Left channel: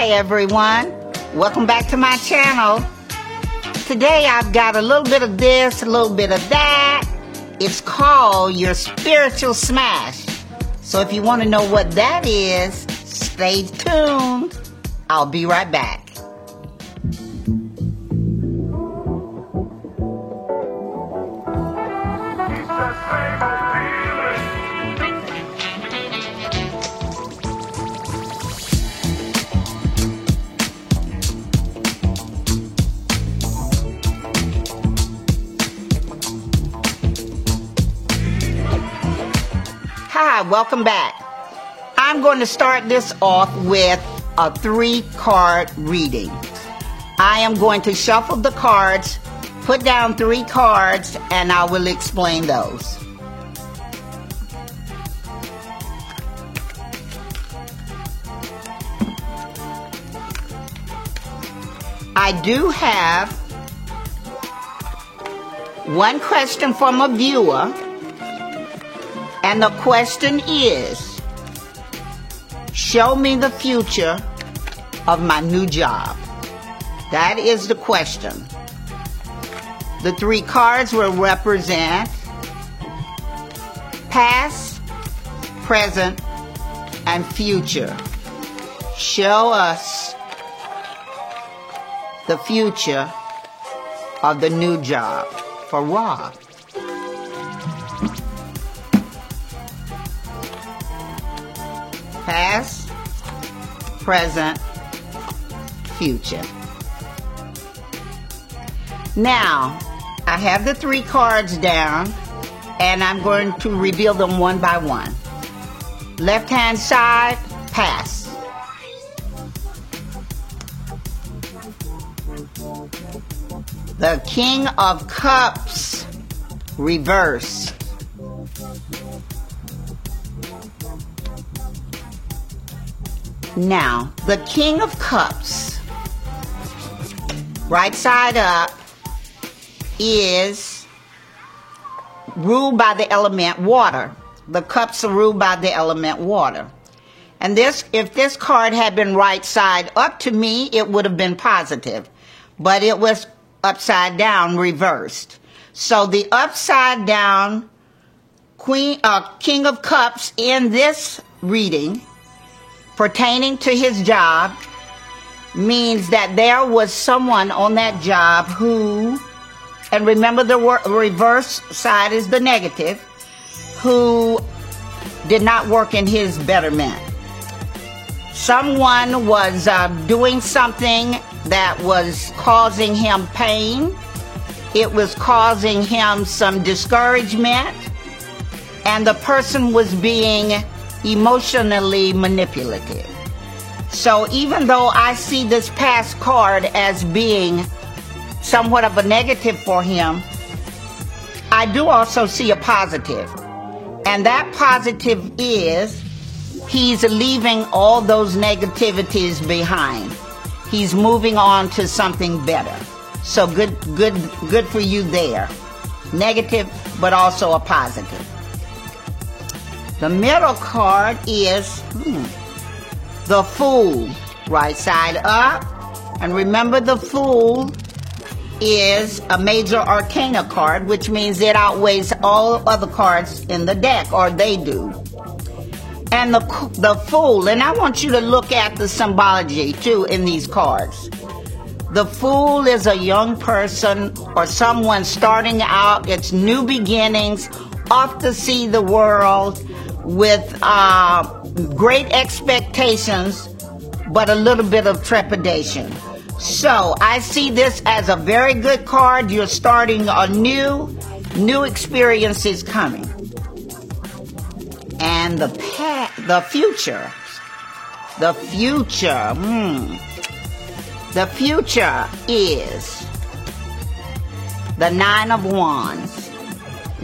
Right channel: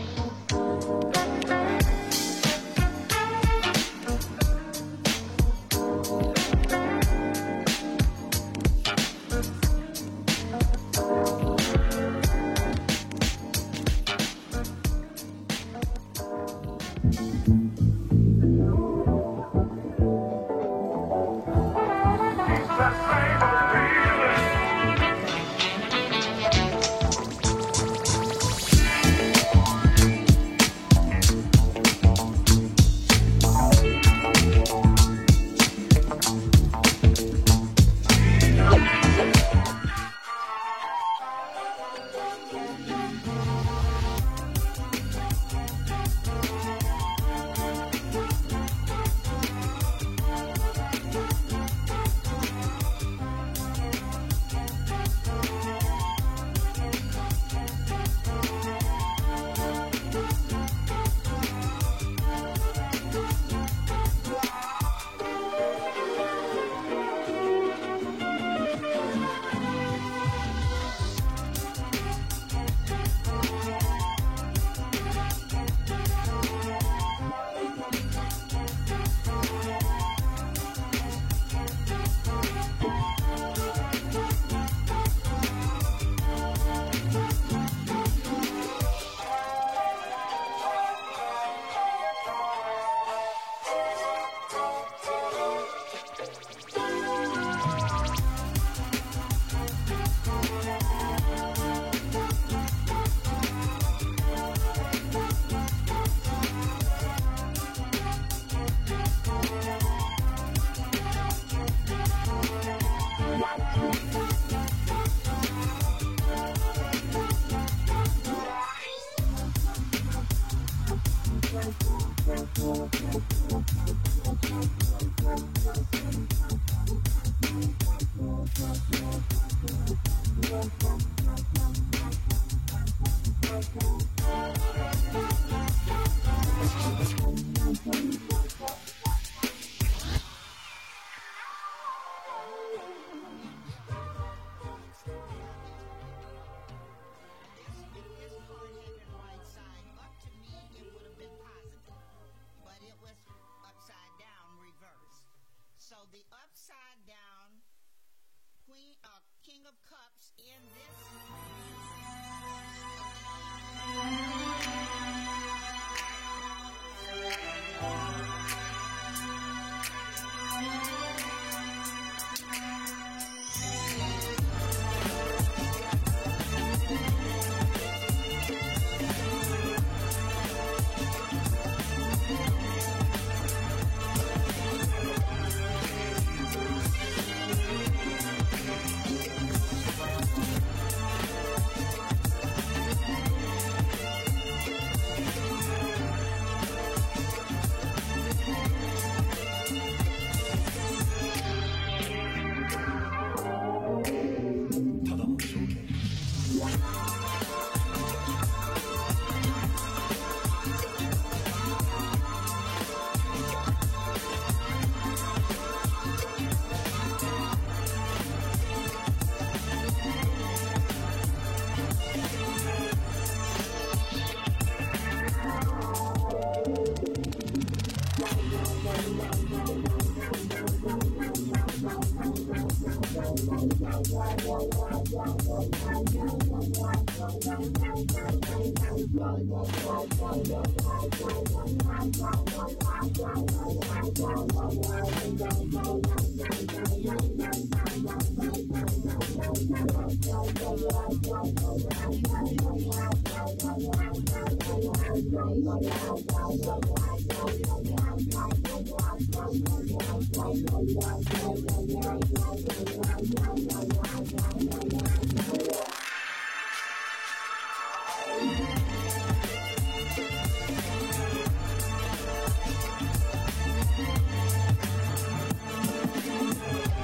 Hi everyone, welcome back to my channel. Today I've got a little bit of this, a little bit of that. It's called your spiritual smash. So if you want to know what that is, stay tuned. I'll be right back. Hi, welcome back. I'm going to start this off with a 3-card reading. I am going to shuffle the cards, put down 3 cards, and I will explain those. I do have one question from a viewer. And the question is, show me the future of my new job. That is the question. The 3 cards will represent past, present, and future. Show us the future of the new job for Rob. Past, present, future. Now, I have the 3 cards down, and I'm going to reveal them one by one. Left-hand side, past. The King of Cups, reverse. Now, the King of Cups, right side up, is ruled by the element water. The cups are ruled by the element water. And this, if this card had been right side up to me, it would have been positive. But it was upside down, reversed. So the upside down King of Cups in this reading pertaining to his job means that there was someone on that job who, and remember the reverse side is the negative, who did not work in his betterment. Someone was doing something that was causing him pain. It was causing him some discouragement, and the person was being emotionally manipulative. So even though I see this past card as being somewhat of a negative for him, I do also see a positive. And that positive is he's leaving all those negativities behind. He's moving on to something better. So good for you there. Negative, but also a positive. The middle card is the Fool, right side up. And remember, the Fool is a major arcana card, which means it outweighs all other cards in the deck, or they do. And the Fool, and I want you to look at the symbology too in these cards. The Fool is a young person or someone starting out, it's new beginnings, off to see the world with great expectations, but a little bit of trepidation. So I see this as a very good card. You're starting a new experiences coming. And the future. The future is the 9 of Wands.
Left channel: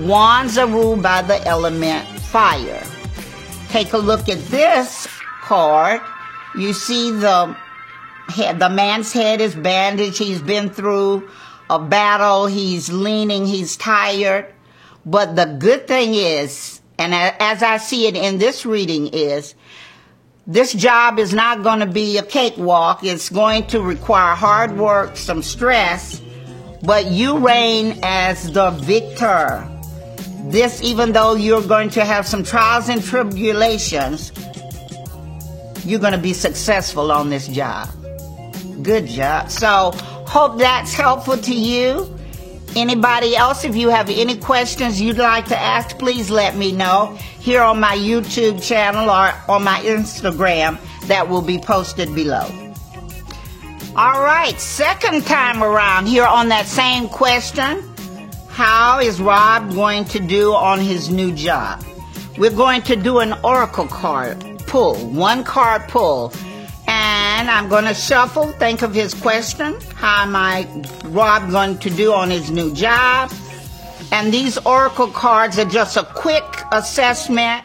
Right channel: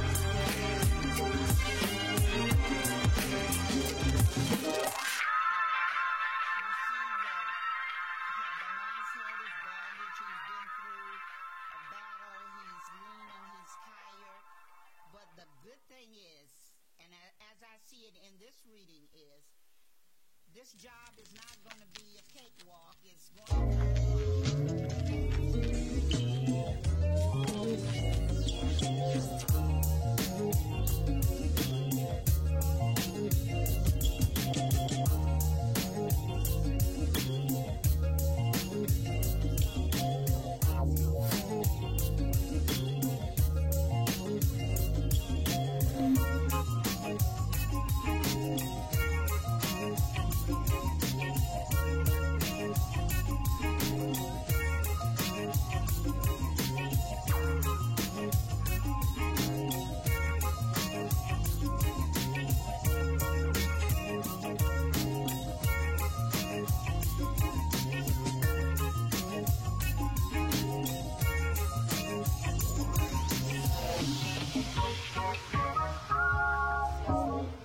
Wands are ruled by the element fire. Take a look at this card. You see the man's head is bandaged. He's been through a battle. He's leaning. He's tired. But the good thing is, and as I see it in this reading, is This job is not going to be a cakewalk. It's going to require hard work, some stress, but you reign as the victor. This, even though you're going to have some trials and tribulations, you're going to be successful on this job. Good job. So, hope that's helpful to you. Anybody else, if you have any questions you'd like to ask, please let me know here on my YouTube channel or on my Instagram that will be posted below. All right, second time around here on that same question, how is Rob going to do on his new job? We're going to do an oracle card pull, one card pull. And I'm going to shuffle, think of his question. How am Rob going to do on his new job? And these oracle cards are just a quick assessment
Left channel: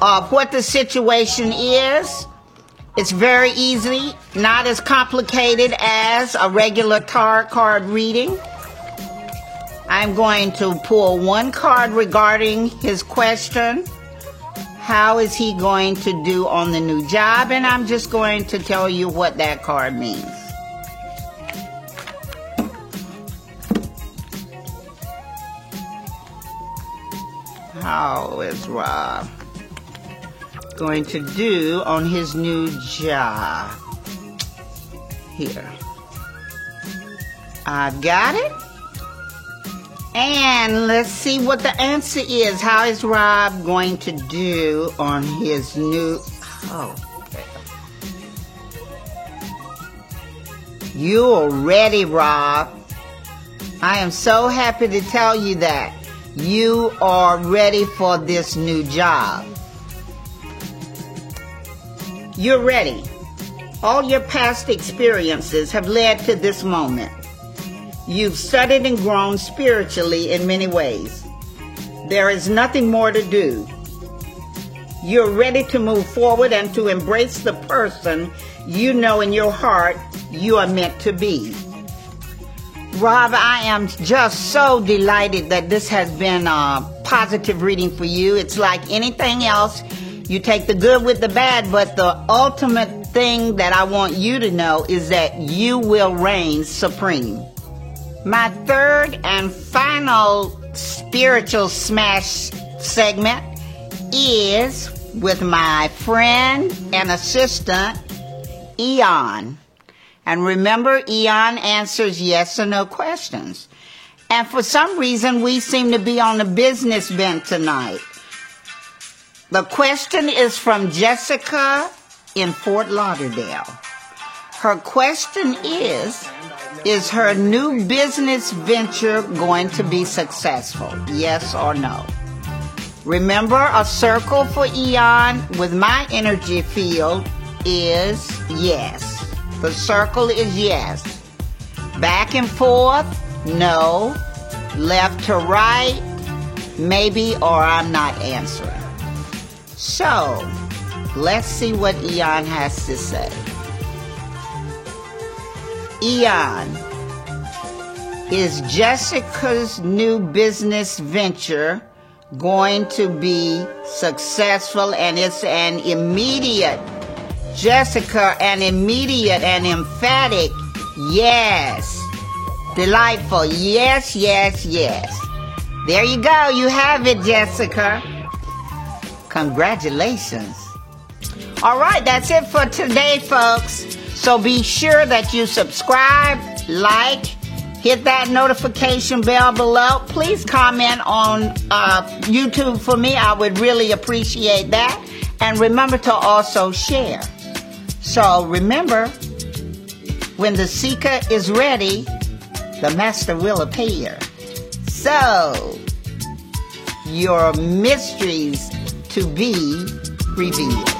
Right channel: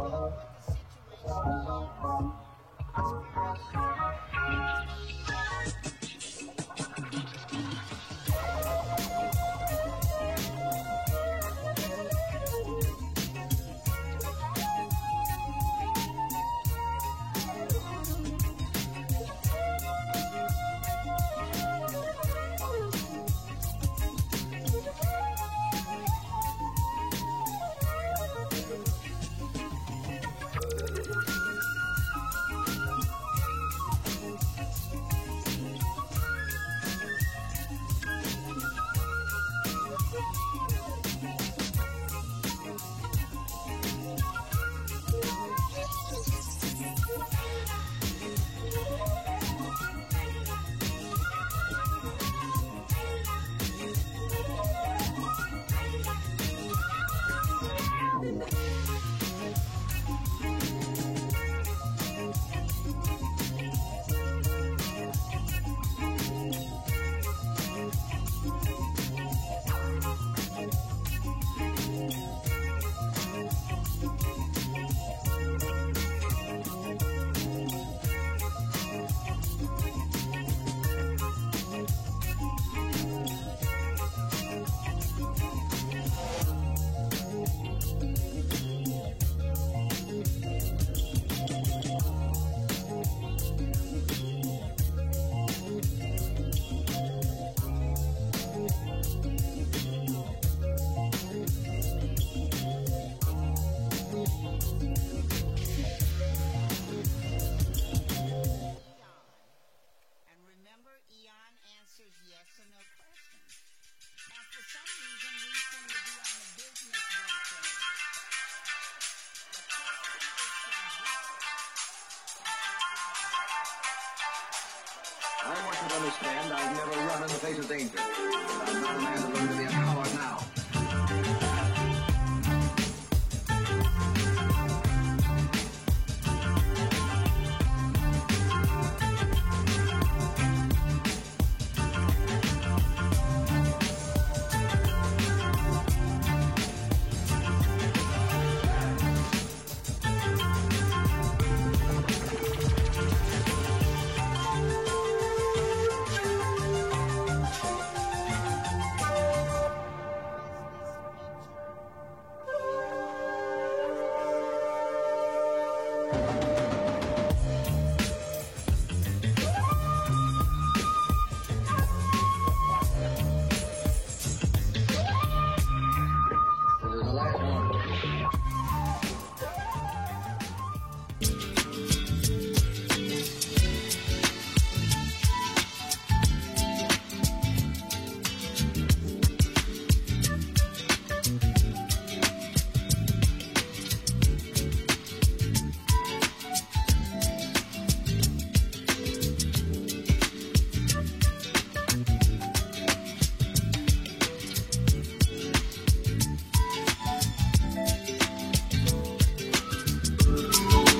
of what the situation is. It's very easy, not as complicated as a regular tarot card reading. I'm going to pull one card regarding his question. How is he going to do on the new job? And I'm just going to tell you what that card means. How is Rob going to do on his new job? Here. I got it. And let's see what the answer is. How is Rob going to do on his new... Oh. You're ready, Rob. I am so happy to tell you that. You are ready for this new job. You're ready. All your past experiences have led to this moment. You've studied and grown spiritually in many ways. There is nothing more to do. You're ready to move forward and to embrace the person you know in your heart you are meant to be. Rob, I am just so delighted that this has been a positive reading for you. It's like anything else. You take the good with the bad, but the ultimate thing that I want you to know is that you will reign supreme. My third and final spiritual smash segment is with my friend and assistant, Eon. And remember, Eon answers yes or no questions. And for some reason, we seem to be on the business bent tonight. The question is from Jessica in Fort Lauderdale. Her question is her new business venture going to be successful? Yes or no? Remember, a circle for Eon with my energy field is yes. The circle is yes. Back and forth, no. Left to right, maybe, or I'm not answering. So, let's see what Eon has to say. Eon, is Jessica's new business venture going to be successful? And it's an immediate, Jessica, an immediate and emphatic yes. Delightful, yes, yes, yes. There you go, you have it, Jessica. Congratulations. All right, that's it for today, folks. So be sure that you subscribe, like, hit that notification bell below. Please comment on YouTube for me. I would really appreciate that. And remember to also share. So remember, when the seeker is ready, the master will appear. So, your mysteries to be revealed.